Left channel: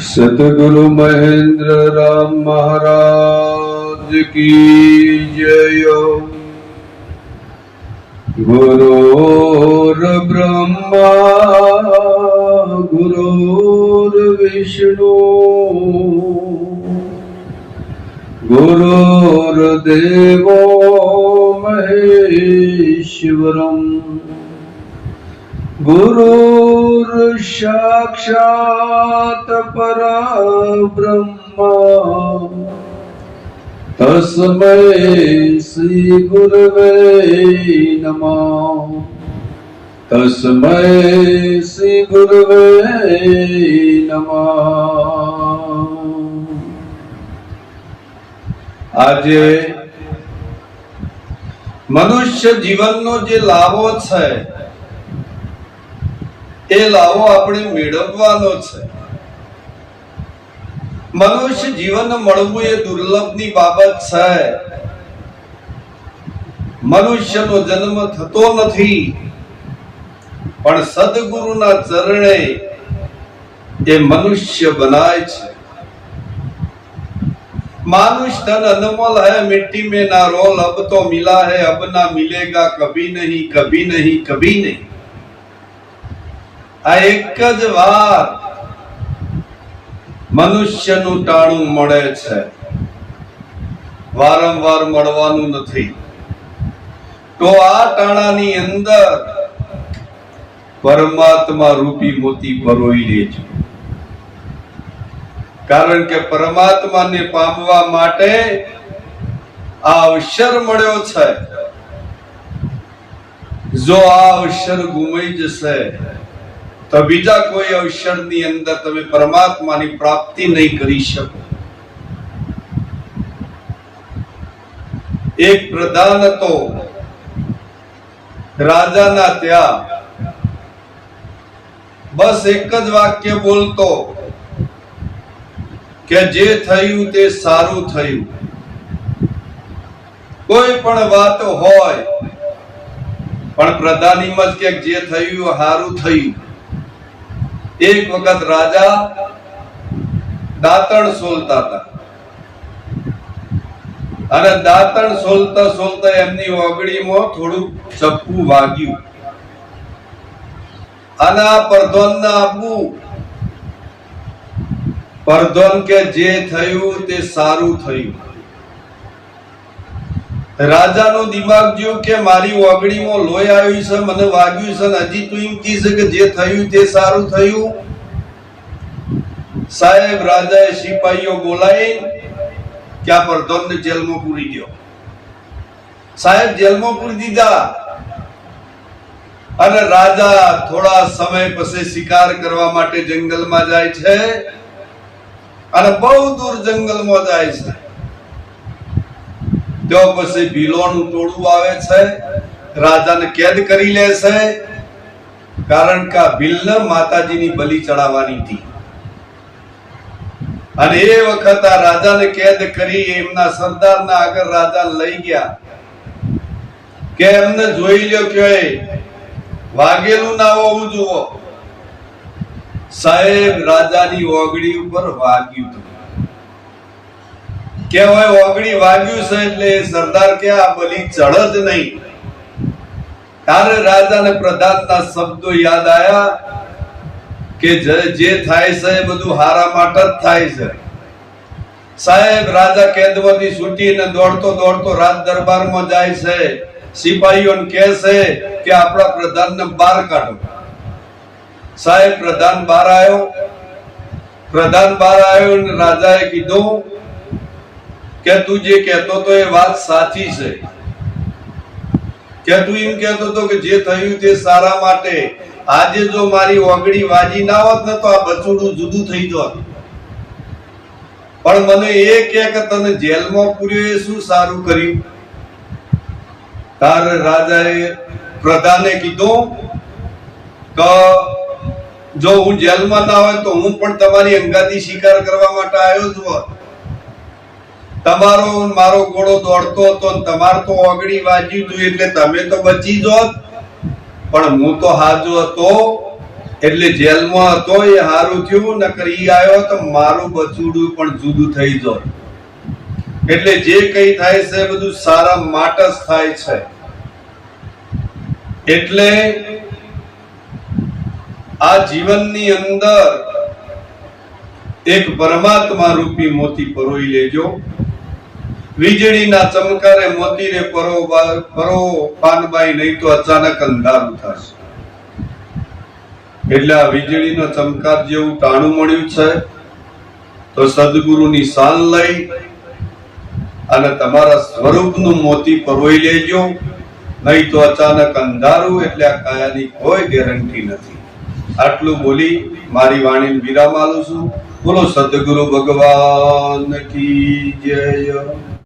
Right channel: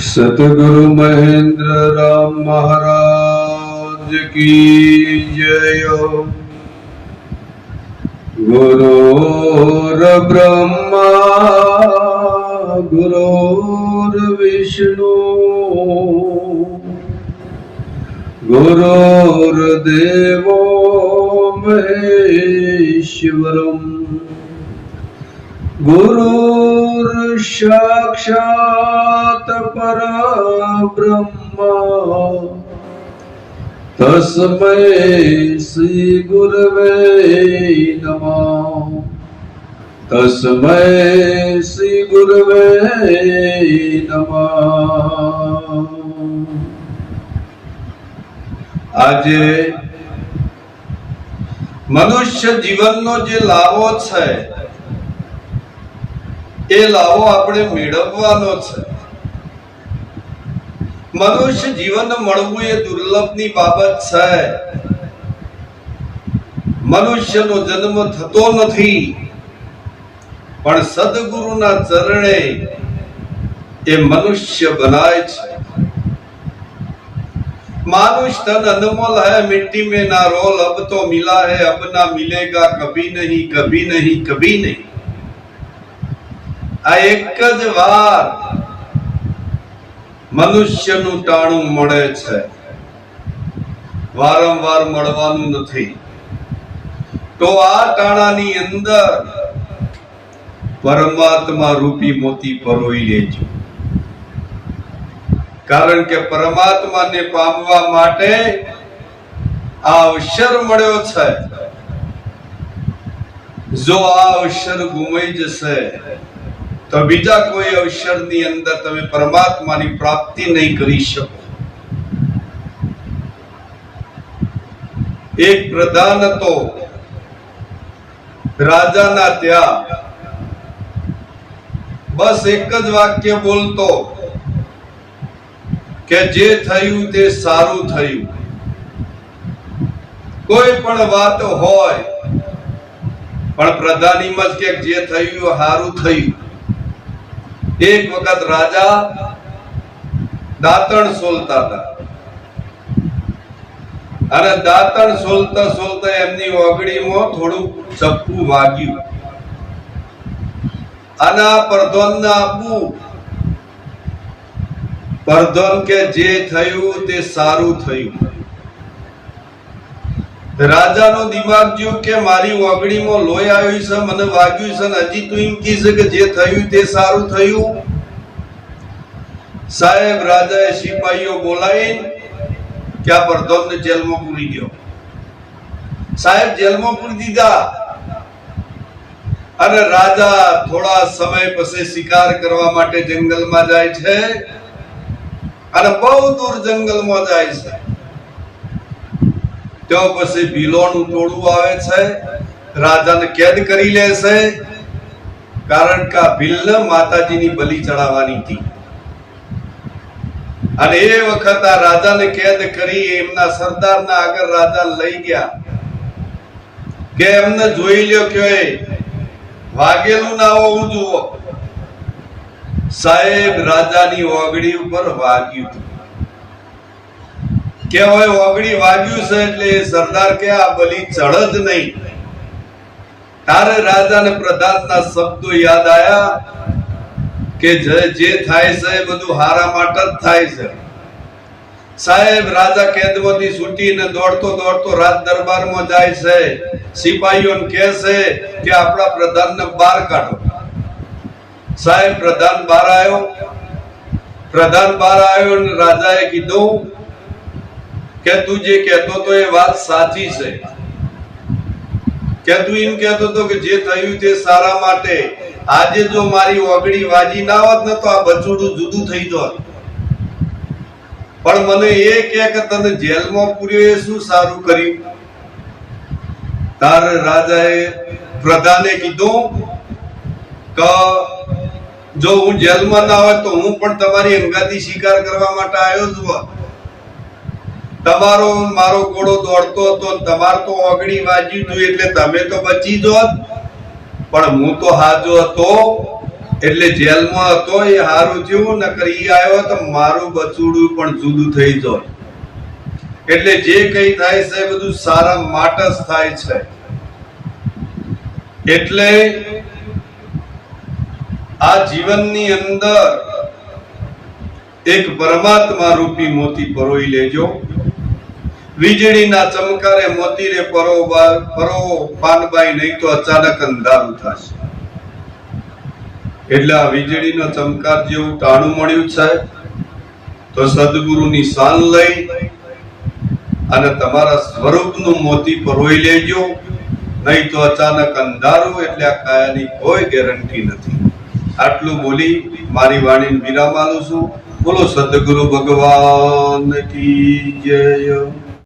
सतगुरु महेंद्र राम महाराज की जय। गुरुर् ब्रह्मा गुरुर्विष्णु गुरुर्देवो महेश्वरम् गुरुर्साक्षात् परब्रह्म तस्मै श्री गुरवे नमः। तस्मै श्री गुरवे नमः। આજે મનુષ્ય જીવનનો જે લાવો છે એ લાવો આપણે મેળવવાનો છે। મનુષ્ય જીવન મળવું એ દુર્લભની બાબત છે। મનુષ્યનો જન્મ થતો નથી, પણ સદગુરુના ચરણે એ મનુષ્ય બનાય છે। मानुष तन अनमोल है, मिट्टी में ना रोल, अब तो मिला है, अब ना मिलेगा कभी नहीं, कभी नहीं, कभी नहीं। आ एक ज वार मनुष्यનું ટાણું મળે છે, વારંવાર મળવાનું નથી। તો આ ટાણાની અંદર પરમાત્મા રૂપી મોતી પરોઈ લેજો, કારણ કે પરમાત્માને પામવા માટે આ અવસર મળ્યો છે। જો આ અવસર ગુમાઈ જશે તો બીજા કોઈ અવસરની અંદર તમે પરમાત્માની પ્રાપ્તિ નહીં કરી શકો। એક પ્રધાન હતો, રાજાના ત્યાં બસ એક જ વાક્ય બોલતો કે જે થયું તે સારું થયું। કોઈ પણ વાત હોય પણ પ્રધાનીમાં જ કે જે થયું સારું થયું। એક વખત રાજા દાંતણ સોલતા હતા અને દાંતણ સોલતા સોલતા એમની ઓગળીમાં થોડું ચપ્પુ વાગ્યું અને આ પ્રધાનને આપવું। પ્રધાન કે જે થયું તે સારું થયું। રાજાનો દિમાગ જો કે મારી ઓગળીમાં લોહી આવ્યું છે, મને વાગ્યું છે, હજી તું એમ કીધું કે જે થયું તે સારું થયું। સાહેબ રાજાએ સિપાહીઓ બોલાવી કે આ પ્રધાનને જેલમાં પૂરી દો। સાહેબ જેલમાં પૂરી દીધા અને રાજા થોડા સમય પછી શિકાર કરવા માટે જંગલમાં જાય છે અને બહુ દૂર જંગલમાં જાય છે। તો પછી ભીલોનું ટોળું આવે છે, રાજાને કેદ કરી લે છે, કારણ કે ભીલને માતાજીની બલિ ચડાવવાની હતી અને એ વખત આ રાજાને કેદ કરી એમના સરદારના આગળ રાજા લઈ ગયા કે એમને જોઈ લ્યો કે વાગેલું ના હોવું જુઓ। સાહેબ રાજાની ઓગળી ઉપર વાગ્યું હતું કે હવે ઓગળી વાગ્યું છે એટલે સરદાર કે આ બલિ ચઢ જ નહીં। તારે રાજાને પ્રધાનના શબ્દો યાદ આયા કે જે થાય છે એ બધું હારા માટે જ થાય છે। સાહેબ રાજા કેદમાંથી છૂટીને દોડતો દોડતો રાજ દરબારમાં જાય છે, સિપાહીઓને કહે છે કે આપણા પ્રધાનને બહાર કાઢો। સાહેબ પ્રધાન બહાર આવ્યો અને રાજાએ કીધું કે તું જે કહેતો તો એ વાત સાચી છે, કે તું એમ કહેતો તો કે જે થયું તે સારા માટે। આજે જો મારી ઓગળી વાજી ના હોત ને તો આ બચુડું જુદું થઈ જોત, પણ મને એ કે તને જેલમાં પૂર્યો એ શું સારું કર્યું? તારે રાજાએ પ્રધાને કીધું કે જો હું જેલમાં ના હોય તો હું પણ તમારી અંગાથી શિકાર કરવા માટે આવ્યો જ હોત। તમારો મારો ઘોડો દોડતો હતો, તમાર તો ઓગળી વાગ્યું હતું એટલે તમે તો બચી જોત, પણ હું તો હાજો હતો એટલે જેલમાં હતો એ હારું થયું, નકર ઈ આવ્યો તો મારું બચુડું પણ જુદું થઈ જાય. એટલે જે કઈ થાય છે બધું સારા માટે જ થાય છે. એટલે આ જીવનની અંદર એક પરમાત્મા રૂપી મોતી પરોઈ લેજો. વીજળીના ચમકારે મોતી રે પરો પાનબાઈ, નહીં તો અચાનક અંધારું થશે. એટલે આ વીજળીનો ચમકાર જેવું ટાણું મળ્યું છે, તો સદગુરુની શાન લઈ અને તમારા સ્વરૂપનું મોતી પરોઈ લેજો, નહીં તો અચાનક અંધારું. એટલે આ કાયાની કોઈ ગેરંટી નથી. આટલું બોલી મારી વાણીને વિરામ આલું છું. બોલો સદગુરુ ભગવાન કી જય.